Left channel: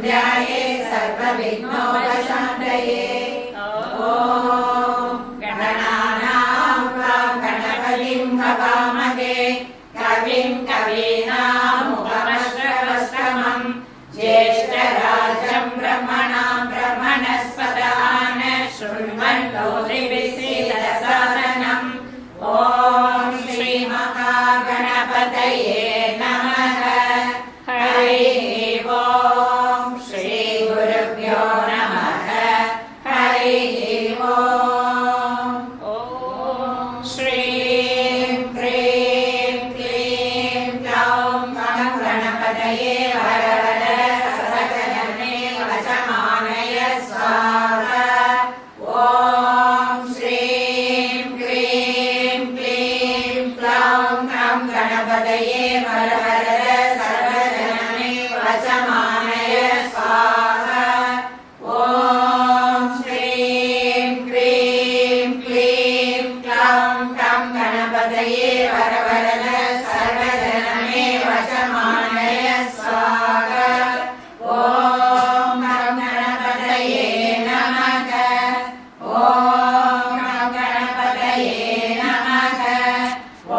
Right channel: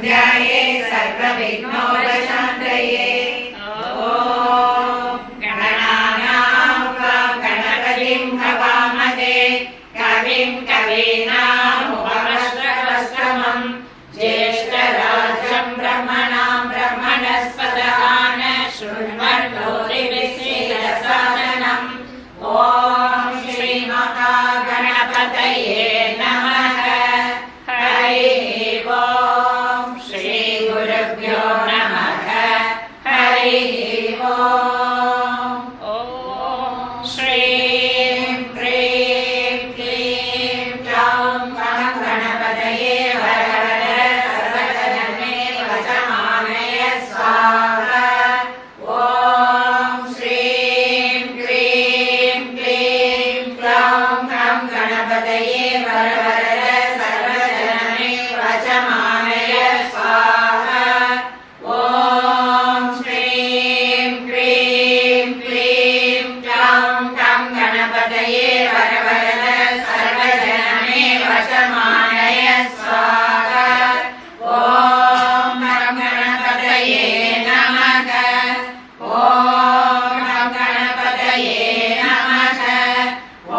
ध्याये सर्वविघ्नोपशान्तये। ॐ गणानां गणपतिं हवामहे कविं कवीनामुपमश्रवस्तमं ज्येष्ठराजं ब्रह्मणां ब्रह्मणस्पत शृण्वन्नोतिभिस्सीदसादनम्। ॐ श्रीमहागणपतये नमः। हरिः ॐ श्रीगुरुभ्यो नमः। हरिः ॐ श्रीं ह्रीं क्लीं ग्लौं गणपतये वरवद सर्वजनने वशमानय स्वाहा। ॐ श्रीं ह्रीं क्लीं ग्लौं गणपतये वरवद सर्वजनने वशमानय स्वाहा। ॐ श्रीं ह्रीं क्लीं ग्लौं गणपतये वरवद सर्वजनने वशमानय स्वाहा। ॐ गणपतये नमः। ॐ गणपतये नमः। ॐ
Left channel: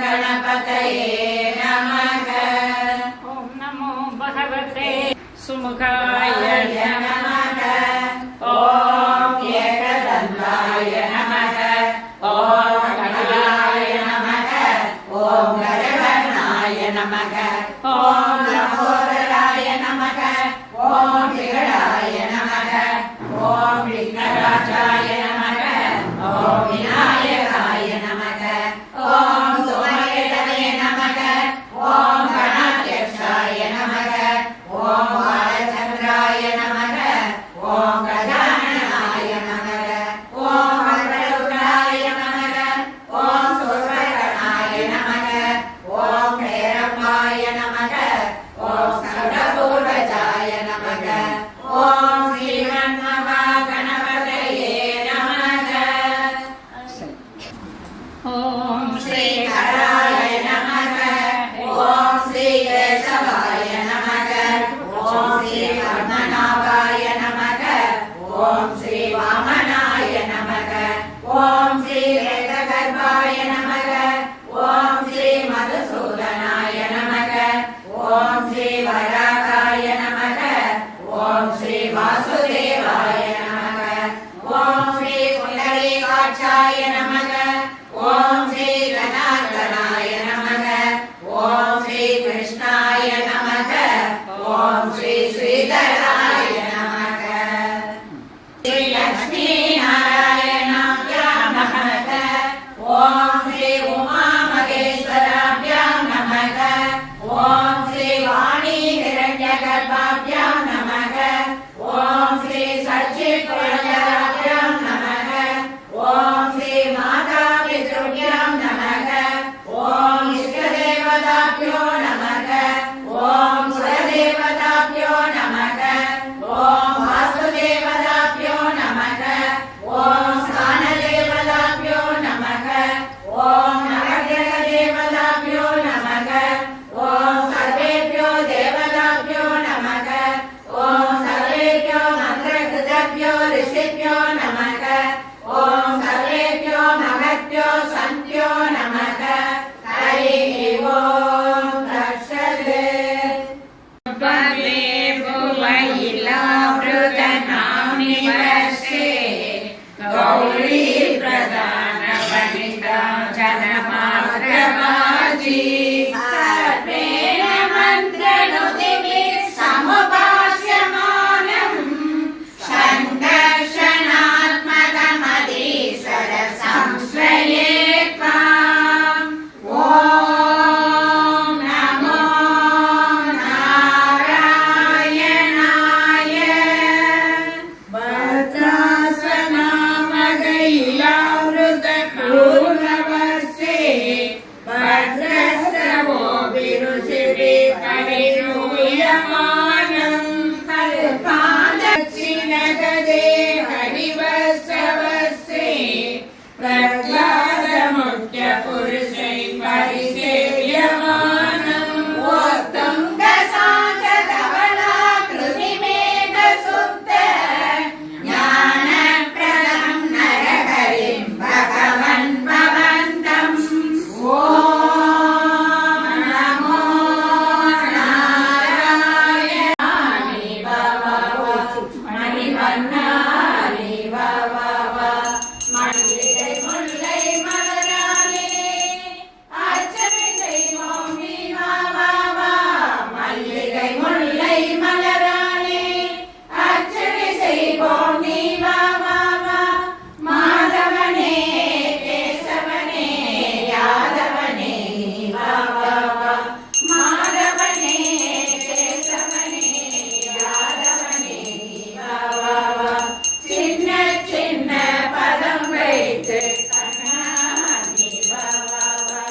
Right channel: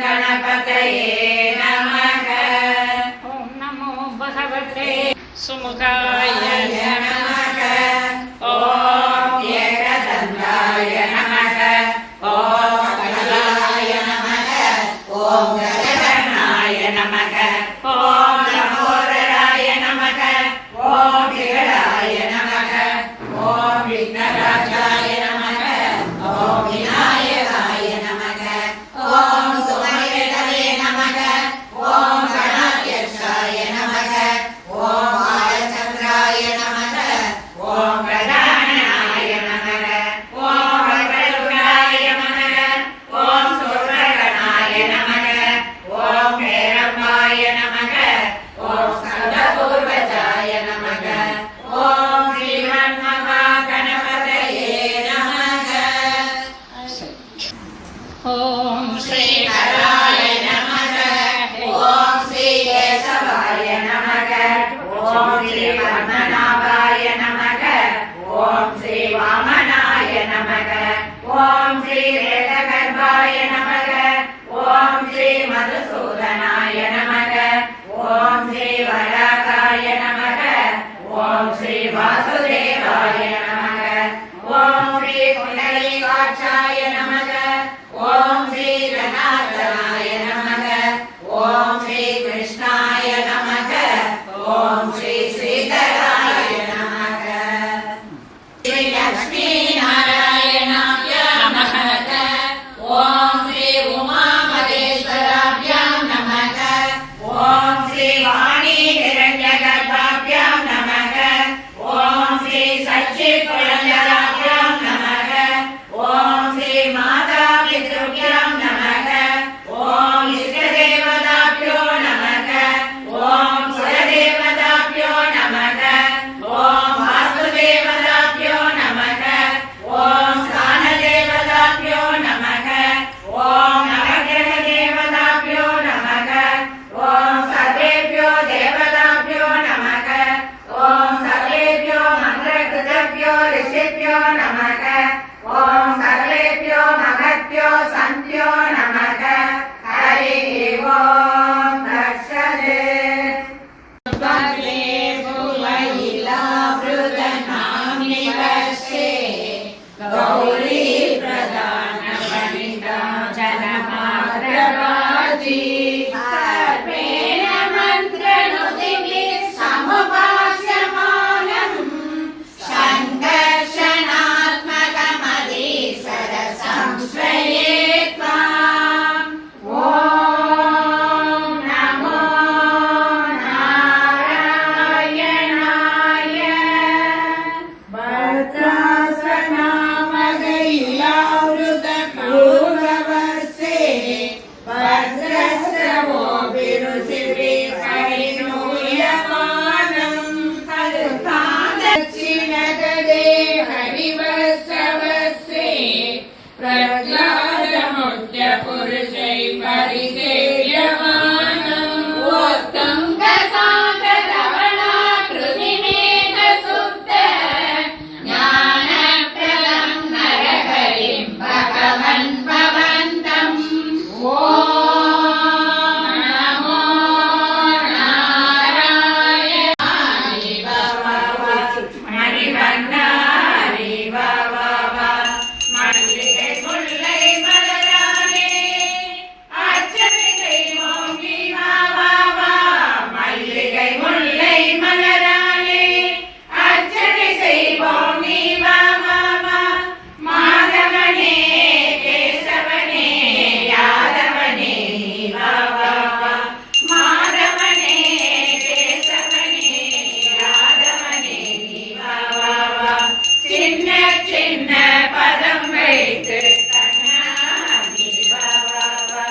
गणपतये नमः। ॐ नमो भगवते सुमुखाय नमः। ॐ एकदन्ताय नमः। ॐ गजाय नमः। ॐ गजकर्णाय नमः। ॐ लम्बोदराय नमः। ॐ विकटाय नमः। ॐ विघ्नराजाय नमः। ॐ विनायकाय नमः। ॐ सोमकेतवे नमः। ॐ गणाध्यक्षाय नमः। ॐ बालचन्द्राय नमः। ॐ प्रधानाय नमः। ॐ वक्रतुण्डाय नमः। ॐ सूत्रगणाय नमः। ॐ भैरवाय नमः। ॐ स्कन्दपूर्वजाय नमः। ॐ श्रीमन्महागणपतये नमः। ॐ श्रीहराय नमः। ॐ श्रीकेशवाय नमः। ॐ श्रीपद्मनाभाय नमः। ॐ श्रीवामनाय नमः। ॐ श्रीवेदगर्भाय नमः। मृत्यो सन्त्यो नमः हरि ओम तत्सत् भवे भुवैलावृतनामिवसे गौरी प्रदान वनिता जनमात्रवाजी सर्वेण मन्त्रनुतिभिः समुपास्यमानम् सङ्कर्षणात्मकमधीसर संश्रये त्वाम् ॐ नमो नारायणाय भद्रासनामगैलावृतपूर्णवर्षे भद्रस्रवो विरुचिरे परिणूयमानम् दक्षिणगदे हरिवत्सवस्ये प्रह्लादमुख्यपुरुषै परिसेव्यमानम् उत्तुङ्गसागरवलाकृतिमेघसुप्त ज्ञानप्रदं नरहरिं भगवन् भवन्तम् ॐ नमो नारायणाय மணிவண்ணாரி வா வா வா மல்லிகை முல்லை மலராலே அர்ச்சனை செய்வோம் நீ வா வா வா மல்லிகை முல்லை மலராலே அர்ச்சனை செய்வோம் நீ வா வா வா மாதவனே கேசவனே யாதவனே நீ வா வா வா மாதவனே கேசவனே யாதவனே நீ வா வா வா சின்ன சின்ன பதம் வைத்து கண்ணா நீ வா வா வா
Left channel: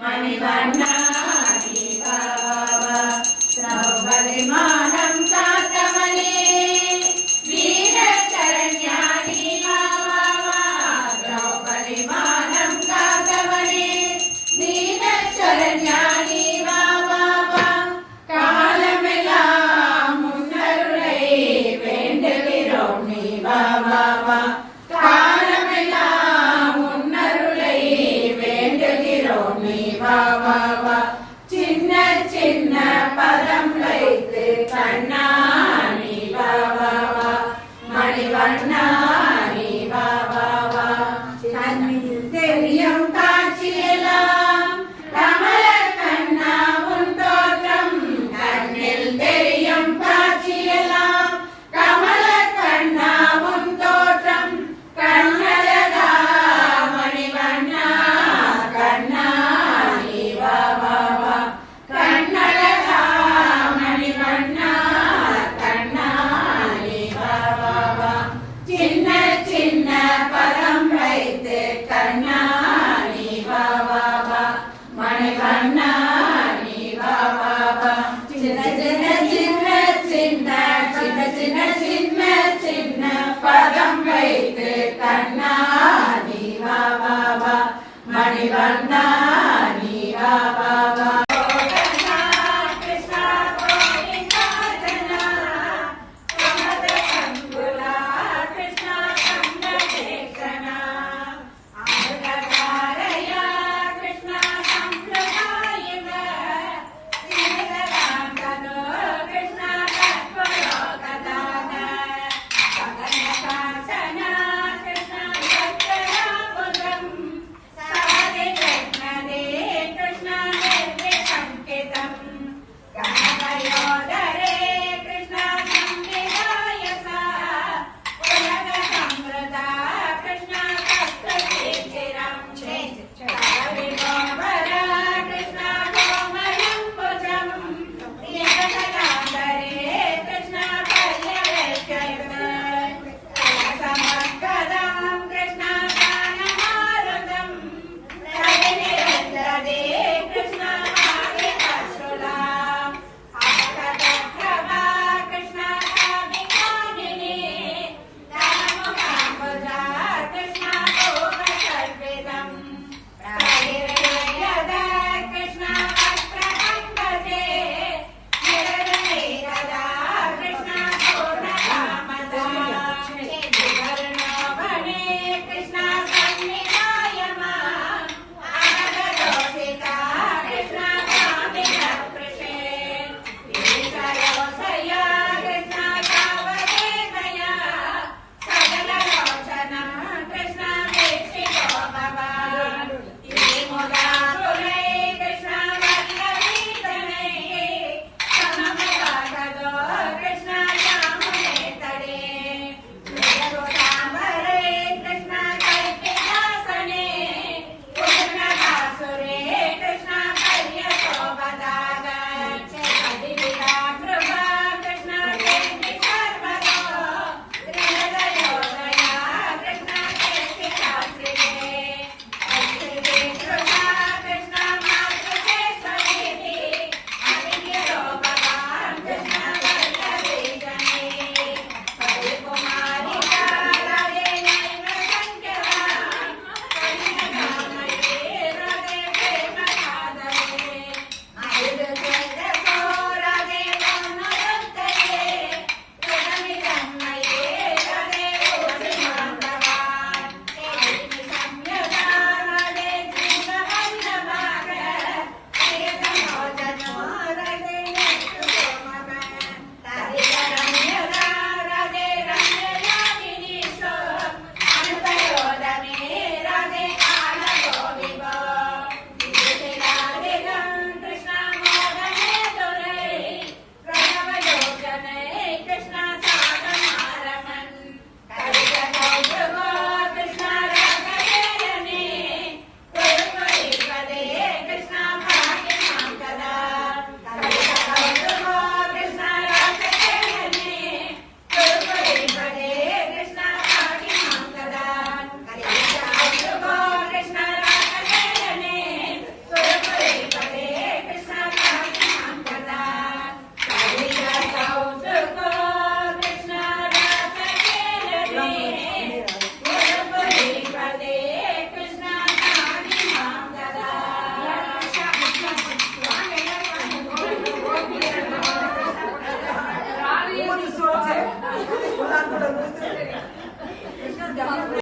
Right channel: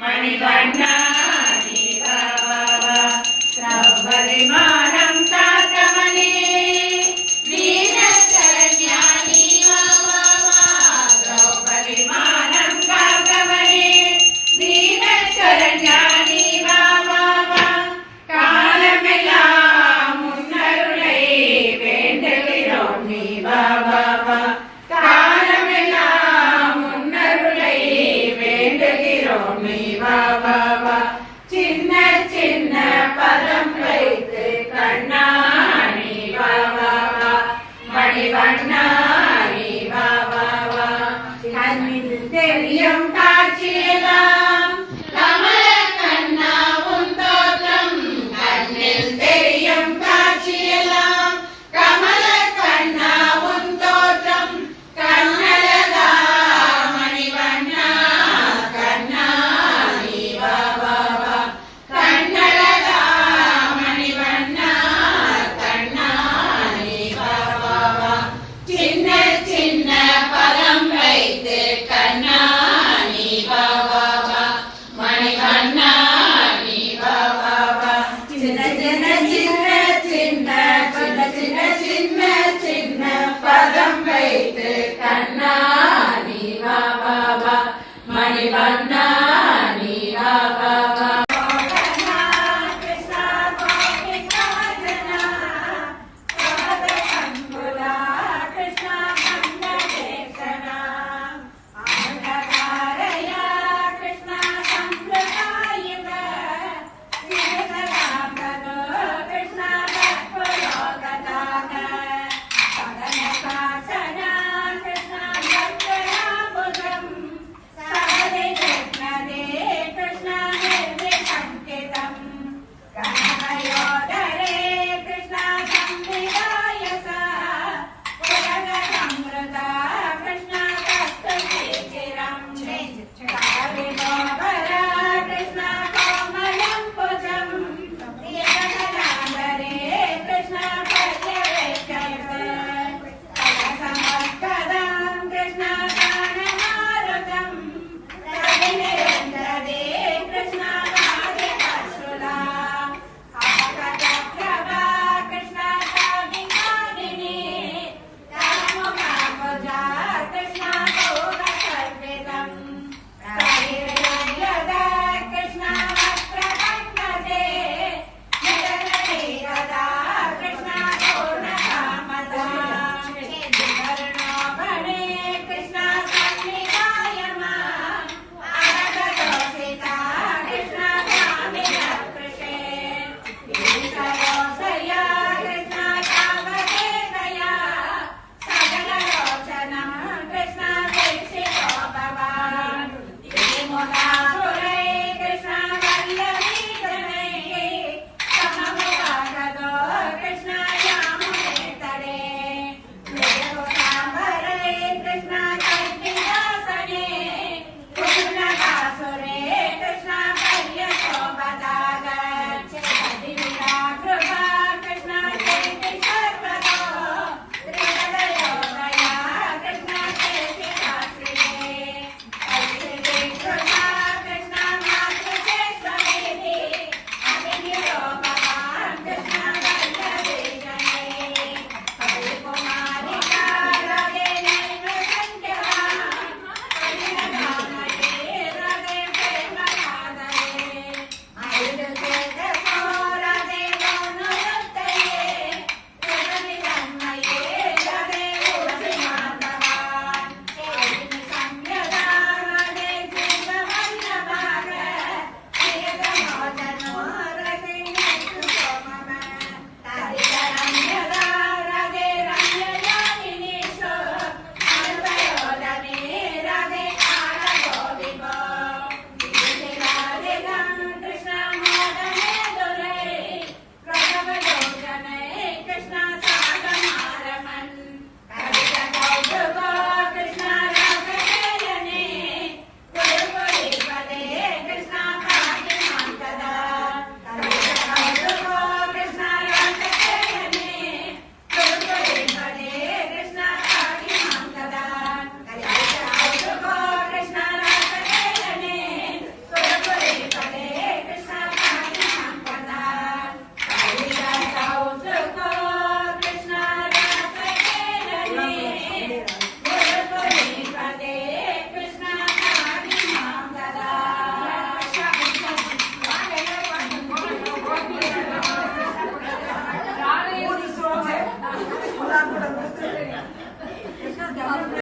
மணிவண்ணா நீ வா வா வா சௌபரிமானம் காத்தவனே வீரசரண்யா நீ வா வா வா சௌபரிமானம் காத்தவனே வீரசரண்யா நீ வா வா வா காலமெல்லாம் முன்னருளை வேண்டுகிறோம் நீ வா வா வா காலமெல்லாம் முன்னருளை வேண்டுகிறோம் நீ வா வா வா சின்ன சின்ன பதம் வைத்து கண்ணா நீ வா வா வா மணிவண்ணா நீ வா வா வா கண்ணில் தெரியும் காட்சியெல்லாம் கமல கண்ணா உன் தோற்றம் கண்ணில் தெரியும் காட்சியெல்லாம் கமல கண்ணா உன் தோற்றம் கண்ணழகா மணிவண்ணா கண்ணா நீ வா வா வா கண்ணழகா மணிவண்ணா கண்ணா நீ வா வா வா சின்ன சின்ன பதம் வைத்து கண்ணா நீ வா வா வா மணிவண்ணா நீ வா வா வா சின்ன சின்ன சின்ன சின்ன சின்ன சின்ன சின்ன சின்ன பதம் வைத்து கண்ணா நீ வா வா வா மணிவண்ணா